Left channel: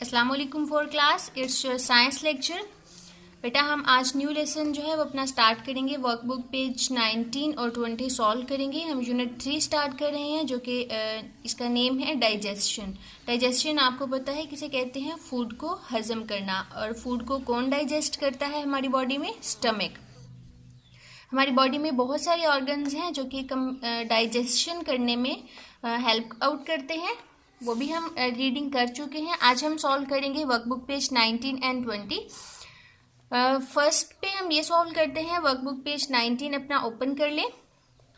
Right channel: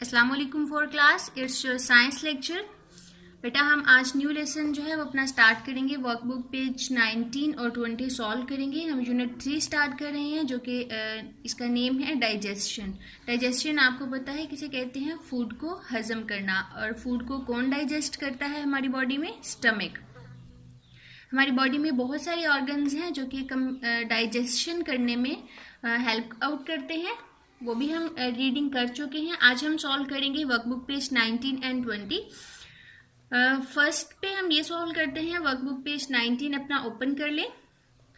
अस्सलाम वालेकुम for class, it's your science lecture. बेटा हम आज न्यू लेसन जो है वो अपना स्टार्ट करेंगे। वर्कबुक पेज 19 और 20 सॉल्व करेंगे। हम यूनिट 3 स्टार्ट कर रहे हैं जो कि इसका नेम है डाइजेशन। डाइजेशन आपको पता है किसे कहते हैं? फूड को हजम करना। और फूड को कौन डाइजेस्ट करता है हमारी बॉडी में? स्टमक। हमारी बॉडी में बहुत सारे ऑर्गन्स हैं जो कि डाइजेशन करने में हेल्प आउट करते हैं, वो भी हम रीडिंग कर चुके हैं। आज हम सॉल्व करेंगे वर्कबुक पेज 19 एंड 20। फर्स्ट पे हम ये सॉल्व करते हैं। वर्कबुक पेज 19 अपना ओपन कर लें।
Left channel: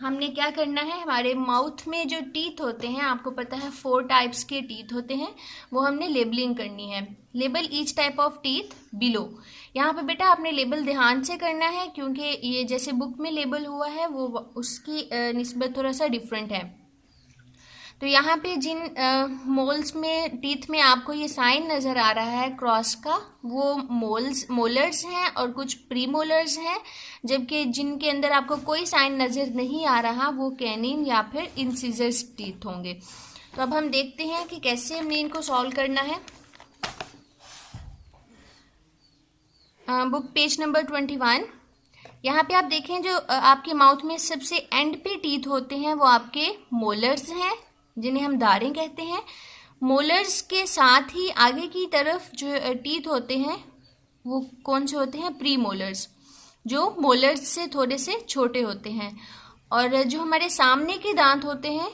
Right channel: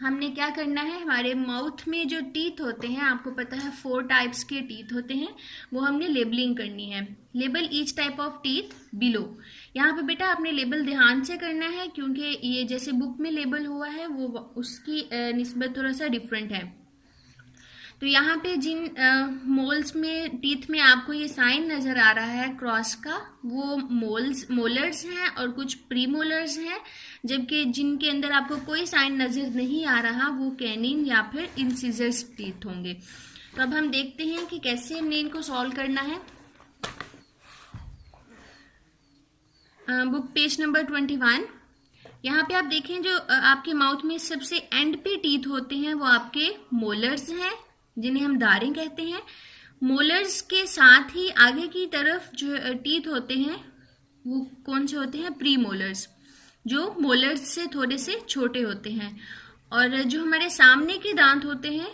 हमने क्या करना है, हमारे माउथ में जो टीथ होते हैं, आपको पता है 4 टाइप्स के टीथ होते हैं, वो हमने लेबलिंग करनी है। Label each type of teeth below. यहाँ पे बेटा आपने लेबल ध्यान से करना है क्योंकि ये जैसे बुक में लेबल हुआ है वो उसकी निस्बत थोड़ा सा डिफरेंट है। तो यहाँ पे जिन मोल्स में टीथ में आपको ये साइन नज़र आ रहा है क्रॉस का, वो मोलर्स हैं और कुछ प्री मोलर्स हैं, जबकि जिनके अंदर आपको कोई साइन नज़र नहीं आ रहा वो कैनिन या फिर इंसिजर्स टीथ होंगे। तो अब हम देखते हैं कि कैसे हमने इनको सॉल्व करना है। Book page number 21। यहाँ पे आप देखें जो आपके माउथ में सबसे एंड पे टीथ होते हैं वो आपके मोलर्स हैं, जिन्हें हम दारें कहते हैं। मोलर्स के साथ ही आगे की तरफ जो टीथ होते हैं वो कौन से होते हैं? प्री मोलर्स, जो मोलर्स से थोड़े से छोटे होते हैं। और जो हमारे सामने के दांत होते हैं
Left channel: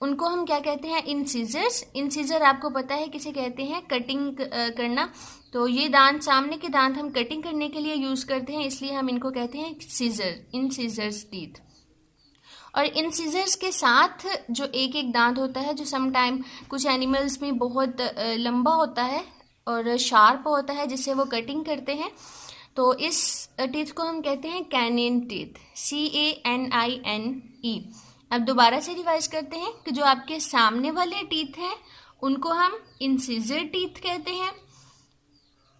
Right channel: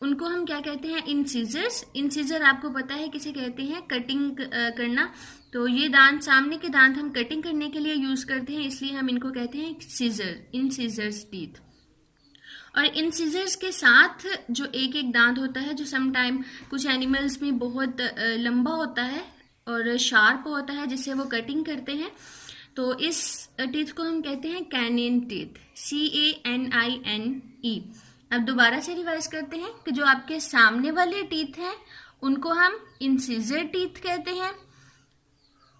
उनको हम क्या कहते हैं? इंसिजर्स। इंसिजर आपको पता है किसे कहते हैं? कटिंग करना। तो ये दांत, सामने के दांत हम कटिंग करने के लिए यूज करते हैं, इसलिए हम इनको कहते हैं सीजर, इंसिजर्स टीथ। और इन सीजर्स के साथ जो एक एक दांत होता है, जो सम टाइम कुछ एनिमल्स में बहुत लंबा होता है और शार्प होता है जिससे वो कटिंग करते हैं, तो इस टीथ को हम कहते हैं कैनिन टीथ, CANINE। अब दोबारा से रिवाइज करते हैं कि जो आपके सामने वाले टीथ हैं उनको हम इंसिजर टीथ कहते हैं।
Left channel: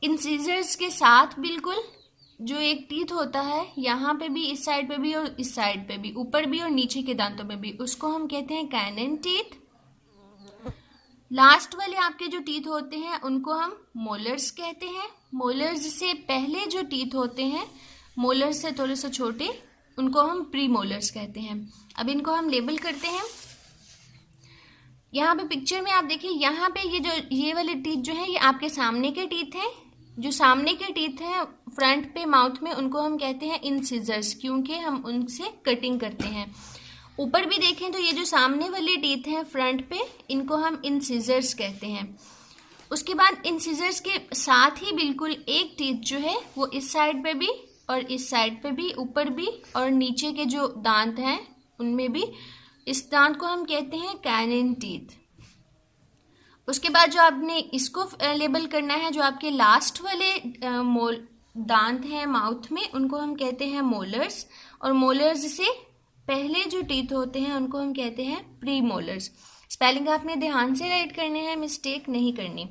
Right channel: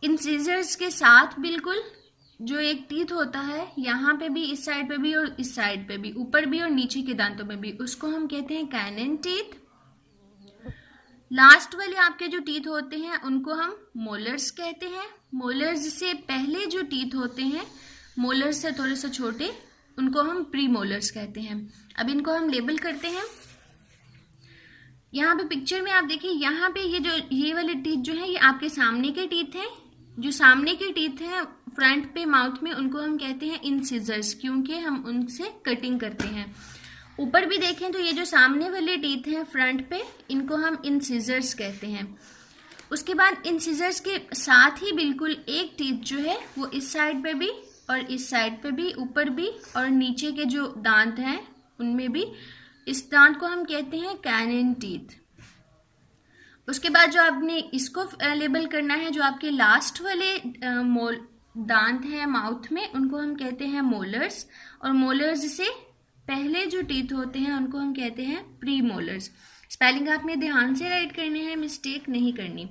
इंसिजर्स के साथ बिल्कुल जो एक टीथ होता है, यहाँ पे भी, इस साइड पे भी और इस साइड पे भी, ऊपर भी और नीचे के दांतों में भी, उसको हम कहते हैं कैनिन टीथ। लास्ट वाले आपके जो टीथ होते हैं उनको हम मोलर्स कहते हैं। मोलर्स से पहले जो टीथ होते हैं, मोलर्स से थोड़े से छोटे, उनको हम प्री मोलर्स कहते हैं। अब इनको हम लेबल करते हैं। यहाँ पे पिक्चर में आप देखिए, यहाँ पे ये वाले टीथ जो है ये आपके सामने के टीथ हैं। जो सामने के टीथ हैं फ्रंट पे माउथ में, उनको हम कहते हैं इंसिजर्स, क्योंकि हम उनसे कटिंग करते हैं। ऊपर भी देखें तो ये जो सामने वाले टीथ हैं फ्रंट पे, इनको हम इंसिजर्स कहते हैं। उसके बाद इंसिजर्स के साथ ही बिल्कुल एक टीथ जो है वो इस साइड पे भी और इस साइड पे भी, ऊपर भी और नीचे के जो दांत हैं उनमें भी, इस दांत को हम कहते हैं कैनिन टीथ। उसके बाद जो आपने इसको लेबल करना है, जो आपके लास्ट वाले दांत हैं माउथ में, उनको हम कहते हैं मोलर्स। और मोलर्स से पहले जो टीथ होते हैं उनको हम कहते हैं प्री मोलर्स। स्पेलिंग आपने ध्यान से राइट करने हैं, मिस्टेक नहीं करनी।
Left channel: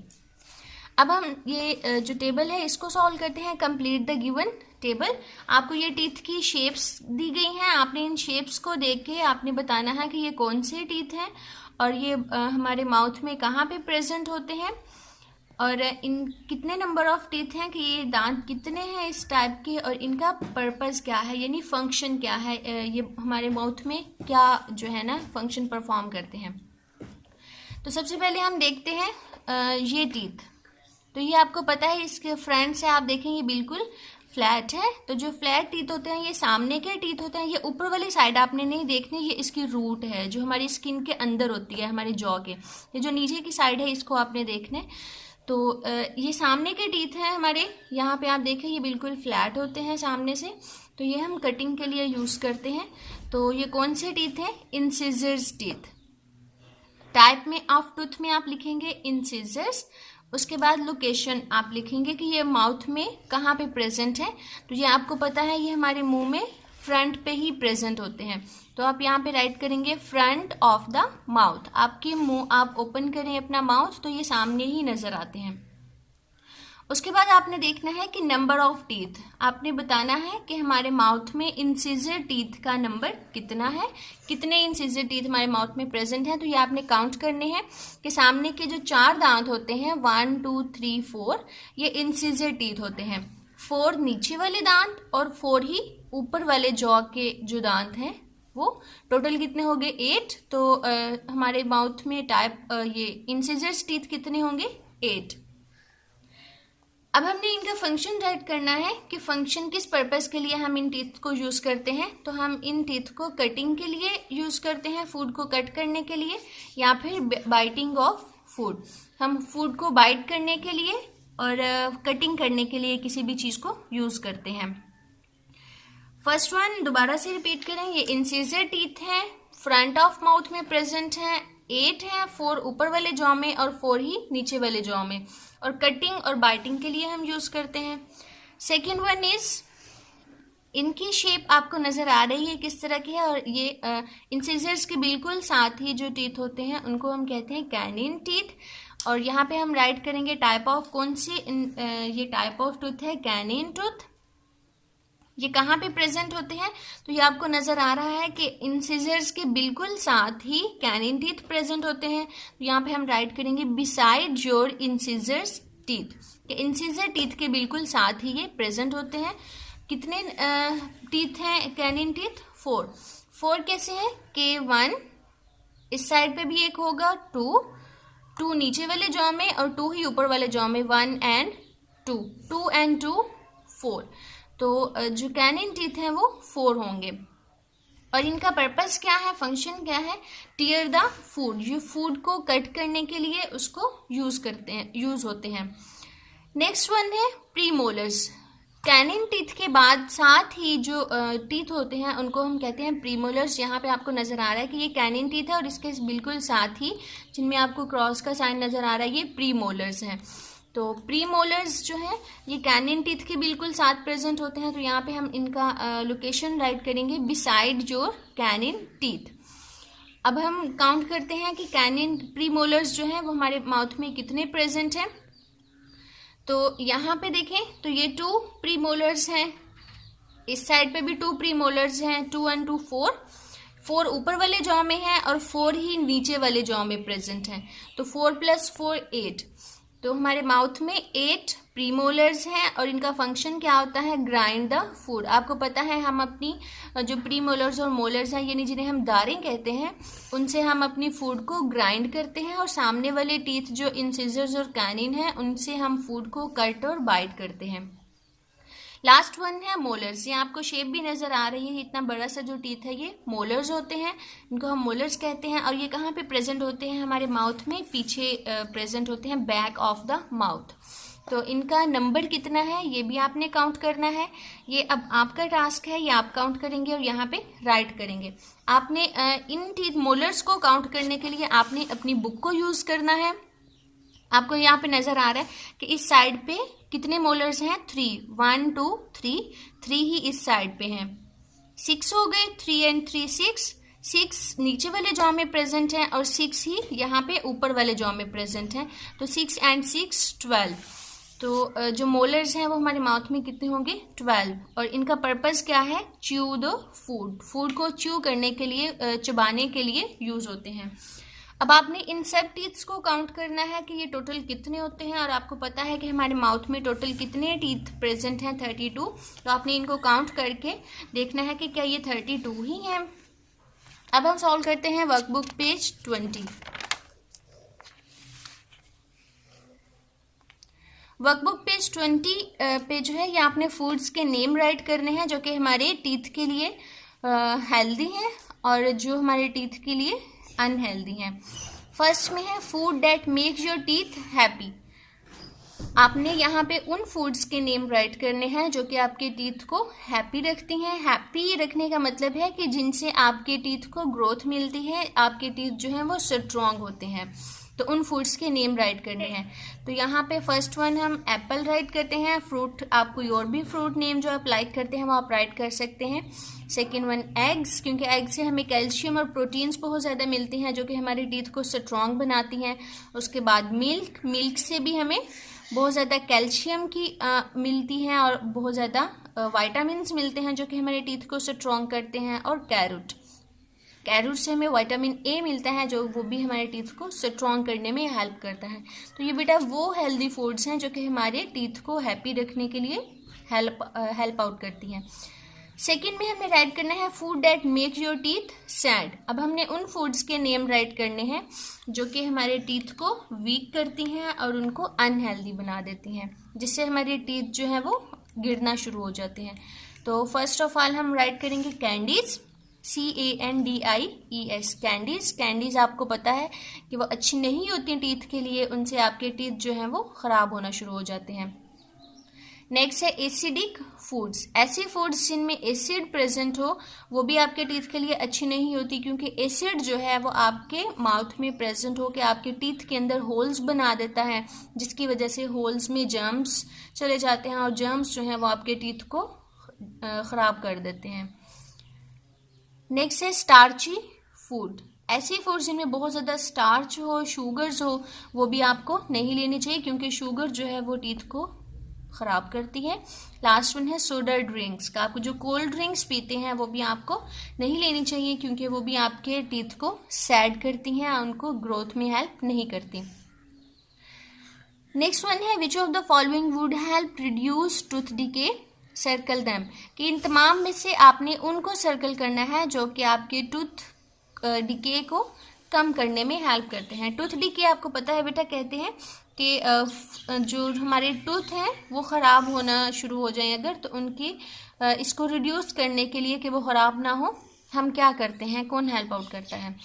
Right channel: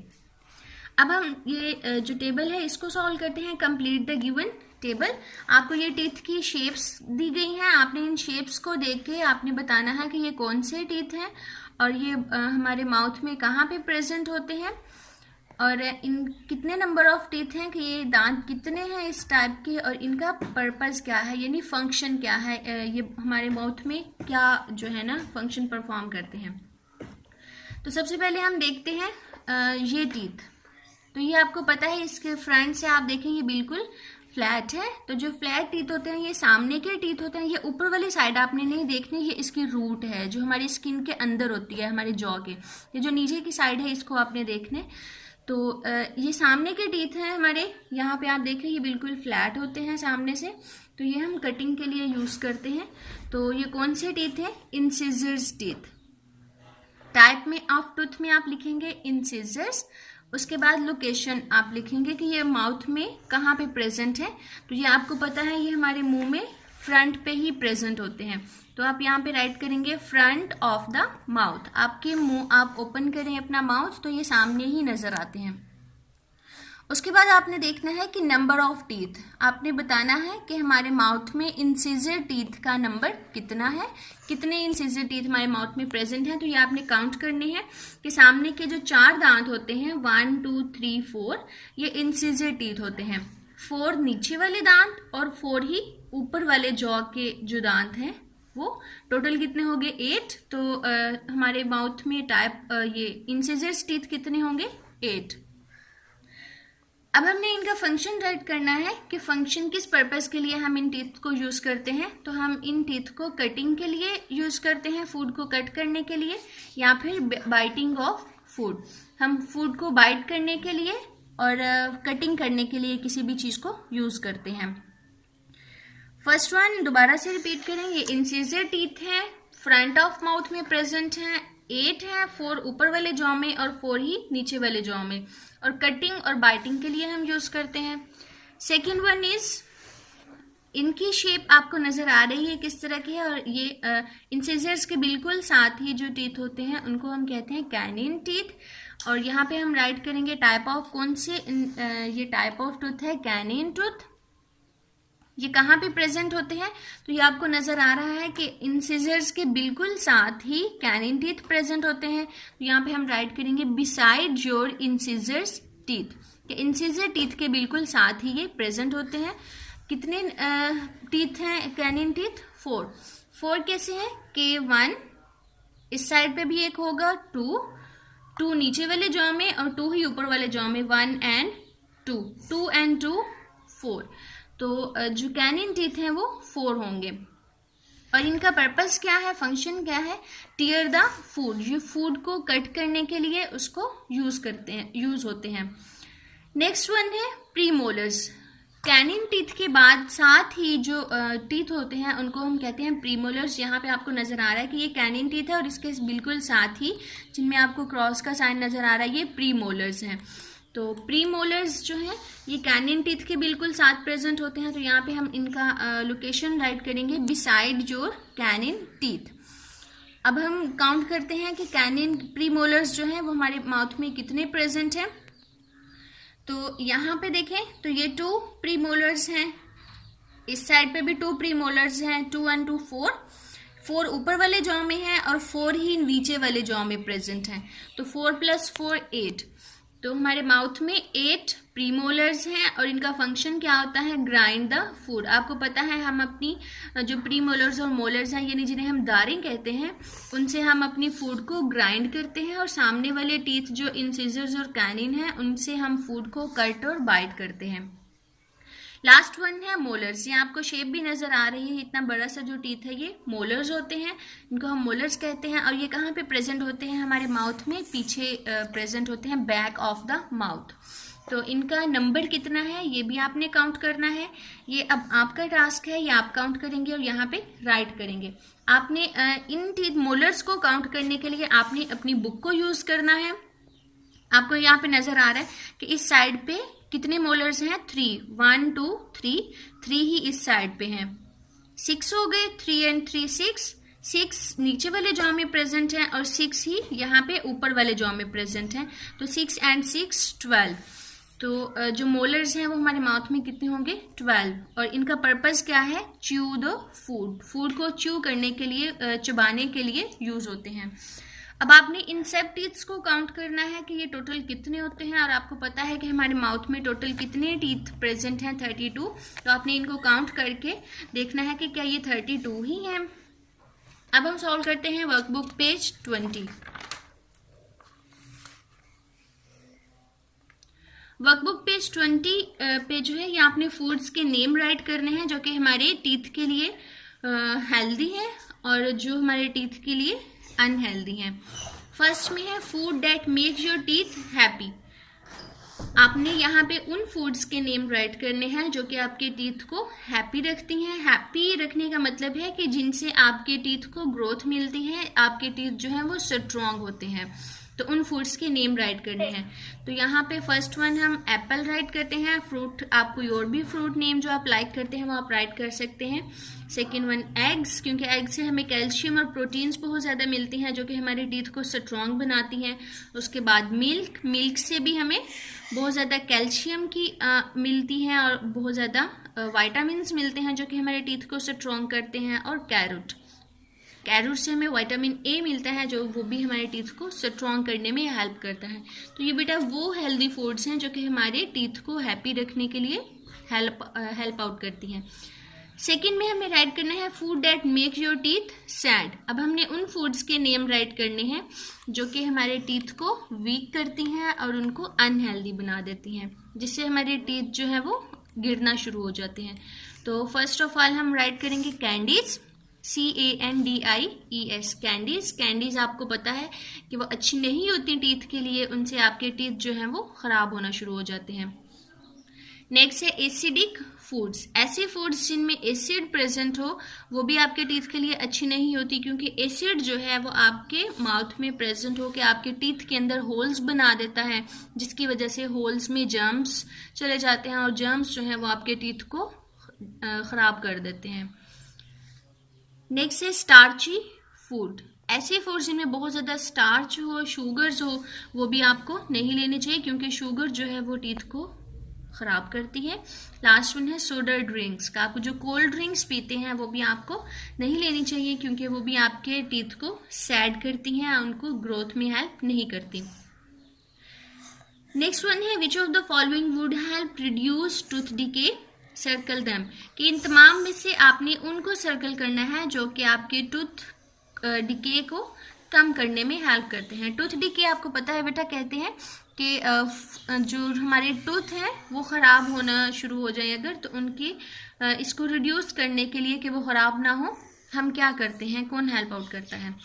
अब हम ये जो टेबल है इसको सॉल्व करते हैं। Complete the given table. आपको ये टीथ की शेप्स दी गई हैं, आपने इन शेप्स को देख के आपने बताना है कि ये कौन से टीथ हैं और ये हमारे माउथ में कहाँ पे प्रेजेंट होते हैं, और इन कितने नंबर ऑफ टीथ हैं, कि ये दांत कितने हैं इस टाइप के, और इनका पर्पस क्या है, यानी फंक्शन क्या है, ये हमारे माउथ में क्या जो है ना फंक्शन परफॉर्म करते हैं। तो सबसे पहले हम देखते हैं ये टीथ। तो ये आपको पता है, इसके फ्रंट से आप देखें ये बिल्कुल फ्लैट है। तो जो फ्लैट टीथ होते हैं ये सामने के टीथ होते हैं। ये ऊपर वाली साइड आपने नहीं देखनी, ये इसकी रूट है जो हमारी स्किन के अंदर होती है, हमारे जॉ के। ये जो नीचे की साइड है इसको आपने देखने। तो ये सामने के टीथ हैं हमारे, यहाँ पे आप देखें ये बिल्कुल फ्लैट होते हैं सामने से, तो ये हम कटिंग के लिए यूज करते हैं। तो ये कौन से टीथ हैं? Incisors teeth. टाइप में ऑफ टूथ में आप लिखेंगे इंसिजर्स। उसके बाद लोकेशन आप लिखेंगे कि ये माउथ में कहाँ पे प्रेजेंट है। तो ये आपको पता है ये हमारे मुंह में फ्रंट पे ही प्रेजेंट होते हैं। तो आप यहाँ पे राइट करेंगे फ्रंट ऑफ द माउथ। आपके मुंह आप ओपन करें अपना माउथ तो ये सामने ही नजर आते हैं। उसके बाद आपने देखना है कि नंबर ऑफ टीथ, आपने बताना है कि हमारे माउथ में इंसिजर टीथ का नंबर कितना है, कितने इंसिजर टीथ हमारे माउथ में प्रेजेंट हैं, तो ये आपने काउंट करने हैं कि सामने के जो 4 दांत होते हैं 1 2 3 4 ये इंसिजर टीथ होते हैं। 4 नीचे वाले दांत और 4 ही ऊपर वाले जॉ के जो दांत हैं वो टोटल कितने हो गए 8। तो हमारे माउथ में ये इंसिजर्स टीथ कितने होंगे 8। अब हमने इनका फंक्शन राइट करना है कि फंक्शन किस पर्पस के लिए हम इन टीथ को यूज़ करते हैं। तो हम इन टीथ को कटिंग के लिए यूज़ करते हैं, फूड को कट करने के लिए, या फिर बाइटिंग ऑफ फूड, हम फूड को बाइट करने के लिए और कटिंग करने के लिए किसी भी चीज़ को यूज़ करते हैं। फर्स्ट वन दोबारा से रिपीट करें, ये इंसिजर टीथ हैं, फ्रंट ऑफ माउथ में प्रेजेंट हैं, 8 हैं, 4 ऊपर वाले जॉ में और 4 ही नीचे वाले जॉ में, और कटिंग और बाइटिंग के लिए हम यूज करते हैं। सेकेंड वन इज, इनकी शेप आपको नजर आ रही है किस तरह की है, और ये इंसिजर्स के बिल्कुल साथ ही जो टीथ होते हैं उनको हम कहते हैं कैनिन टीथ। और यहाँ पे हम राइट करेंगे टाइप ऑफ कौन से, ये टाइप ऑफ टूथ है कैनिन टूथ। ये कहाँ पे प्रेजेंट होते हैं, तो ये आपको नजर आ रहा है कि इंसिजर्स के बिल्कुल साथ ही कैनिन टीथ प्रेजेंट होते हैं। तो यहाँ पे हम राइट करेंगे beside your incisors teeth. Incisor teeth के बिल्कुल साथ ही ये प्रेजेंट होते हैं। कितने टीथ हैं कैनिन टीथ 4। 4 कैसे हैं कि 1 इस साइड पे भी एक होगा, 2 नीचे वाले जॉ में और 2 ही ऊपर वाले जॉ में, 1 and 2, 2 and 2 4। तो जो कैनिन टीथ हैं वो 4 होंगे। और इनका पर्पस क्या है, फंक्शन क्या है, टीयर द फूड, ये फूड को कट करने के लिए उसको यूज होते हैं। नेक्स्ट वन है प्रीमोलर्स। कैनिन टीथ के बाद साथ ही जो टीथ होते हैं उनको हम कहते हैं प्रीमोलर्स। यहाँ पे आपको नजर आ रहा है कि ये कैनिन टीथ है और इसके बिल्कुल साथ ही जिनमें आपको क्रॉस का साइन नजर आ रहा है ये प्रीमोलर्स हैं। तो प्रीमोलर्स जो है ये कैनिन टीथ के बिल्कुल साथ प्रेजेंट होते हैं। तो यहाँ पे हम इनका लोकेशन राइट करेंगे बिसाइड योर कैनिन टीथ। अब हम काउंट करते हैं कि कैनिन प्रीमोलर्स जो है वो हमारे माउथ में कितने प्रेजेंट हैं। तो यहाँ पे देखें तो ये 2 प्रीमोलर्स हैं, इस साइड पे भी 2 प्रीमोलर्स हैं, 2 and 2 4। 4 ऊपर वाले जॉ में है और 4 ही नीचे वाले जॉ में प्रेजेंट हैं। तो 4 + 4 8। तो हमारे माउथ में 8 प्रीमोलर्स हैं और इनका फंक्शन क्या होता है, ग्राइंड द फूड। आपको पता है हम अपनी जो प्रीमोलर्स और मोलर्स हैं यानी जिन्हें हम दारें कहते हैं उनसे हम अपनी फूड को ग्राइंड करते हैं, और सामने वाले टीथ जो इंसिजर्स और कैनिन हैं उनसे हम फूड को कट और बाइट करते हैं। लास्ट वन है मोलर्स। ये आपको शेप भी नजर आ रही है, इतना बड़ा सा जो टीथ है ये मोलर्स होते हैं, इनको हम मोलर्स कहते हैं। और ये कहाँ पे प्रेजेंट होते हैं, हमारे माउथ में पीछे प्रेजेंट होते हैं, बैक ऑफ द माउथ। तो इनका नंबर कितना है ये भी आपने काउंट करना है। ये अब आपका टास्क है, ये आप काउंट करेंगे और यहाँ पे राइट करेंगे। आपने इन टीथ मोलर्स को काउंट करने के लिए आपने अपनी बुक को यूज करना है। आपको यहाँ पे नजर आ रहा है कि इस साइड पे कितने मोलर्स हैं, 3, 1 2 3 ही इस साइड पे हैं। 6 हो गए, 3 and 3 6 नीचे वाले जॉ में प्रेजेंट हैं और 6 ही यहाँ पे ऊपर वाले जॉ में प्रेजेंट हैं। तो 6 and 6 12। तो जो मोलर्स हैं वो हमारे माउथ में कितने होंगे 12। और इनका पर्पस क्या है, च्यू द फूड को च्यू करने के लिए, चबाने के लिए यूज होते हैं। अब आपने इन सब टीथ्स को काउंट करना है कि ये टोटल कितने होते हैं, और आपको पता है कि हमारे माउथ में टोटल कितने टीथ प्रेजेंट हैं 32। तो आपने इनको काउंट करके देखना है कि क्या ये 32 ही हैं। अब हम सॉल्व करते हैं वर्कबुक पेज 20। वर्कबुक पेज 20 पे जो है ये आपने फूड्स के नेम राइट करने हैं जो कि हमारे टीथ के लिए हेल्दी हैं और जो हमारे टीथ के लिए अनहेल्दी हैं। फर्स्ट में है food that make your teeth happy. आपने यहाँ पे उन फूड्स के नेम राइट करने हैं जो कि आपके टीथ को हैप्पी रखती हैं। हैप्पी रखने का मतलब है कि जिनसे आपके टीथ को ग्रोथ मिलती है, आपके टीथ जो हैं वो स्ट्रॉन्ग होते हैं। तो उन फूड्स के नेम राइट करने हैं। तो यहाँ पे फर्स्ट वन हम एप्पल राइट करते हैं। फ्रूट, आपको और भी फ्रूट नेम जो आप लाइक करते हैं वो आप राइट कर सकते हैं। सेकेंड वन एग्स, क्योंकि एग से हमें कैल्शियम और प्रोटीन्स बहुत ज़्यादा मिलती हैं जो कि हमारे टीथ को स्ट्रॉन्ग बनाती हैं। उसके बाद मिल्क, मिल्क से भी हमें बहुत ज़्यादा कैल्शियम की मिलती हैं और बहुत ज़्यादा वाइटामिन मिलते हैं जो कि हमारे टीथ को स्ट्रॉन्ग करते हैं। और कैरेट, कैरेट से हमें विटामिन ए मिलता है, जो वो भी हमारे टीथ को स्ट्रॉन्ग करने में हेल्प करता है। तो ये बेटा वो हेल्दी फूड्स हैं जो कि हमारे टीथ को हैप्पी रखने के लिए हेल्प आउट करती हैं। सेकेंड में हमें राइट करना है food that make your teeth sad. अब हमने उन फूड्स के नेम राइट करने हैं जो कि हमारे टीथ को वीक करती हैं और उनको अनहेल्दी बना देती हैं, जिससे हमारे टीथ जो है वो गिरना शुरू हो जाते हैं। तो फर्स्ट ऑफ ऑल हम राइट करेंगे कैंडीज, CANDIES, कैंडीज। कैंडीज आपको पता है कि वो अच्छी नहीं होती टीथ के लिए, उनसे आपके टीथ जो हैं वो ख़राब होना शुरू हो जाते हैं। नेक्स्ट है एसिडिक फूड्स। ऐसी फूड्स जिनमें एसिड प्रेजेंट हो वो भी आपके टीथ के लिए अच्छी नहीं होती, क्योंकि एसिड जो है वो आपके माउथ में प्रेजेंट होकर आपके टीथ के अंदर होल्स बना देता है, जिसकी वजह से होल्स में जर्म्स चले जाते हैं और जर्म्स जो है वो आपके टीथ को ख़राब कर देते हैं। नेक्स्ट है स्टार्ची फूड। ऐसी फूड जिनमें बहुत ज़्यादा स्टार्च हो, शुगर्स हो, वो भी आपको नहीं लेनी चाहिए, क्योंकि शुगर जो है वो टीथ को ख़राब करती है। लास्ट वन है सोडा ड्रिंक्स का। आपको जो कोल्ड ड्रिंक्स पीते हैं वो भी आपको नहीं लेनी चाहिए, क्योंकि वो भी आपके टीथ को सैड करती हैं, उनको ग्रोथ में हेल्प नहीं करती। नेक्स्ट वन है which of the following would help reduce tooth decay, circle them. कि इन तमाम में से आपने उनको सर्कल करना है जो कि आपके टूथ डिके को कम करने में हेल्प करते हैं। टूथ डिके आपको पता है बेटा, कहते हैं कि जो हमारे टूथ हैं वो ख़राब होना शुरू हो जाए अगर, तो उनकी इसको रिड्यूस करने के लिए कि वो ख़राब ना हो, हम क्या करते हैं, कौन हेल्प आउट करता है।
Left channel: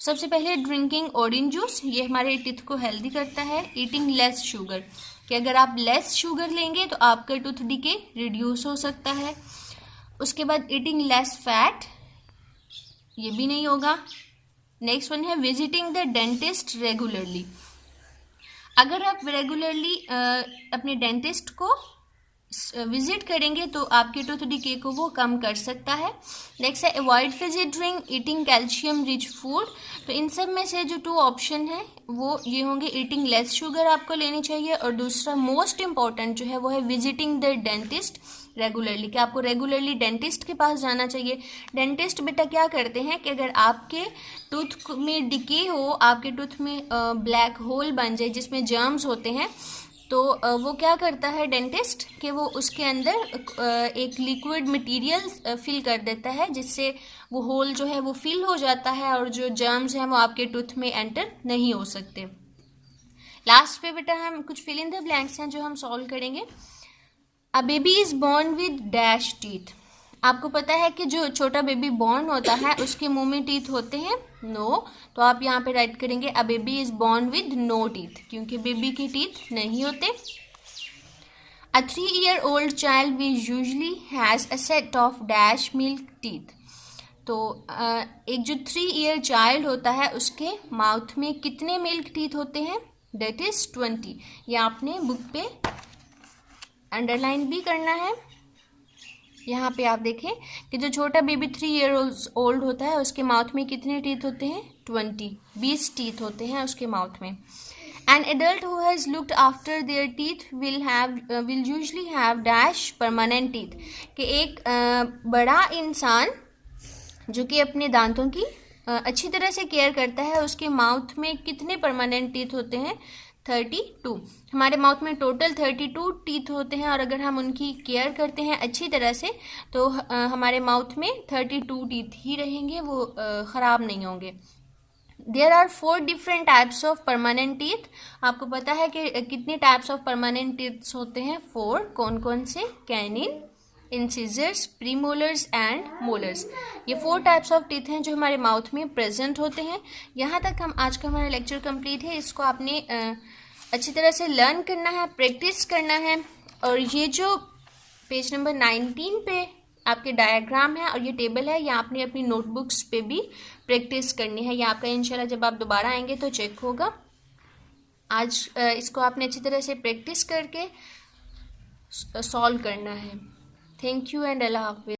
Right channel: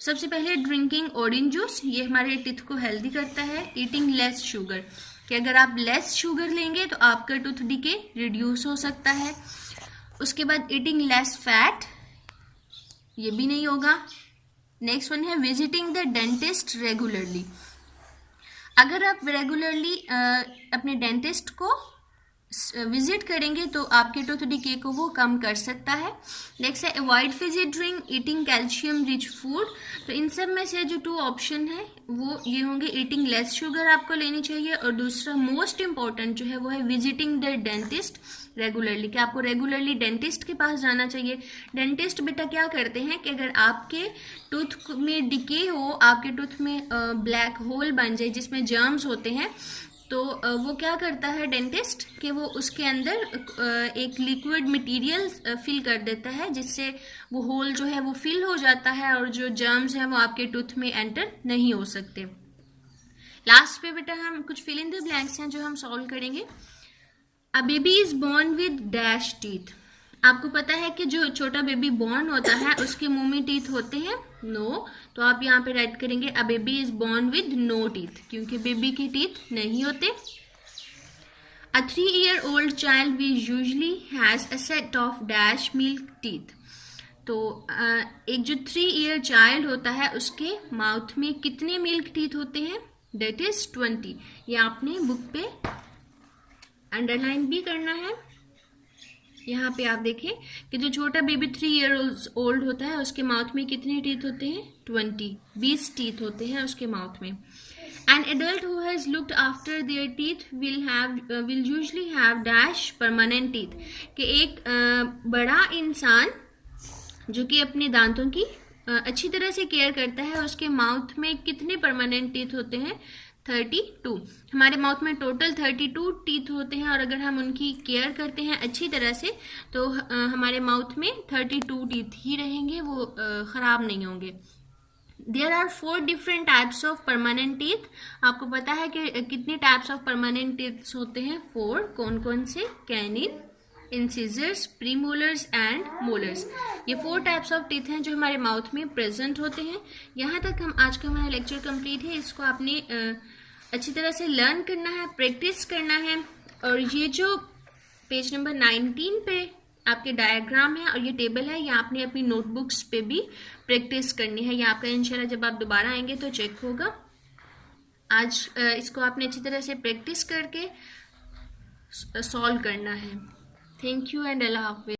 सबसे पहले ड्रिंकिंग ऑरेंज जूस, ये हमारे टीथ को हेल्दी करता है। ईटिंग लेस शुगर, कि अगर आप लेस शुगर लेंगे तो आपका टूथ डिके रिड्यूस हो सकता है। उसके बाद ईटिंग लेस फैट, ये भी नहीं होगा। नेक्स्ट वन है विजिटिंग द डेंटिस्ट रेगुलरली। अगर आप रेगुलरली अपने डेंटिस्ट को विजिट करेंगे तो आपके टूथ डिके को वो कम कर सकता है। नेक्स्ट है avoid Fiji drink, eating calcium rich food. तो इन सब में से जो 2 ऑप्शन है वो ये होंगे, ईटिंग लेस शुगर आपको लेनी चाहिए, और दूसरा मोस्ट इम्पॉर्टेंट जो है वो है विजिटिंग द डेंटिस्ट रेगुलरली, कि आपको रेगुलरली डेंटिस्ट के पास जाना चाहिए। डेंटिस्ट बेटा क्या करते हैं कि अगर आपके टूथ में डिके हो, आपके टूथ में ब्लैक होल बन जाए जिसमें जर्म्स होते हैं, तो वो क्या करता है डेंटिस्ट कि वो उसके अंदर एक लिक्विड मटेरियल फिल कर देता है, जिससे वो होल जो है वो फिल हो जाता है और जो जर्म्स हैं वो आपके टूथ में एंटर नहीं हो सकते। लास्ट पे बेटा हम कुछ फिल इन द ब्लैंक्स हैं जो हम सॉल्व करेंगे। A baby is born with dash teeth. आपको पता है कि जो छोटा बेबी बॉर्न होता है उसके मुंह में टीथ होते हैं? नो। तो आप यहाँ पे राइट करेंगे a baby is born with no teeth, क्योंकि बेबी के टीथ नहीं होते। A 3-year-old child will usually has a set of dash milk teeth. तो एक जो 3 ईयर चाइल्ड होता है उसके माउथ में कितने मिल्क टीथ होते हैं? That is 20। ये आपने बुक पे अंडरलाइन भी करना है। यहाँ पे आप देखें कि जो छोटा बेबी 3 ईयर ओल्ड होता है उसके माउथ में कितने टीथ होते हैं? 20 टीथ होते हैं उसके माउथ में। An adult who has looked after their teeth will usually have dash permanent teeth. कि एक बड़ा इंसान जो कि अपने दांतों की अच्छी तरह से केयर करता है, उसके माउथ में कितने परमानेंट टीथ होते हैं? 32। हमारे माउथ में टोटल 32 टीथ होते हैं, और अगर हम उनकी केयर करते हैं अच्छी तरह से तो हमारे माउथ में 32 टीथ ही रहेंगे, वो ख़राब नहीं होंगे। There are 4 different types of permanent teeth. आपको पता है कि कितनी टाइप्स ऑफ परमानेंट टीथ्स होते हैं? 4। कौन कौन से? Canine, incisors, premolars and molars. ये 4 टाइप्स ऑफ टीथ हैं जो हमारे माउथ में प्रेजेंट होते हैं। यहाँ तक हम आज का हमारा लेक्चर कंप्लीट है। इसको आपने अच्छी तरह से लर्न करना है, प्रैक्टिस करना है। और ये जो पेज नंबर 19 पे आपके डायग्राम है और ये टेबल है, ये आपने अपनी नोटबुक्स पे भी प्रैक्टिस करनी है। ये आपका इंशाल्लाह जब आप दोबारा आएंगे तो चेक होगा। आज इसको आपने अच्छी तरह से प्रैक्टिस करके सॉल्व करना है। थैंक यू एंड अल्लाह हाफिज़।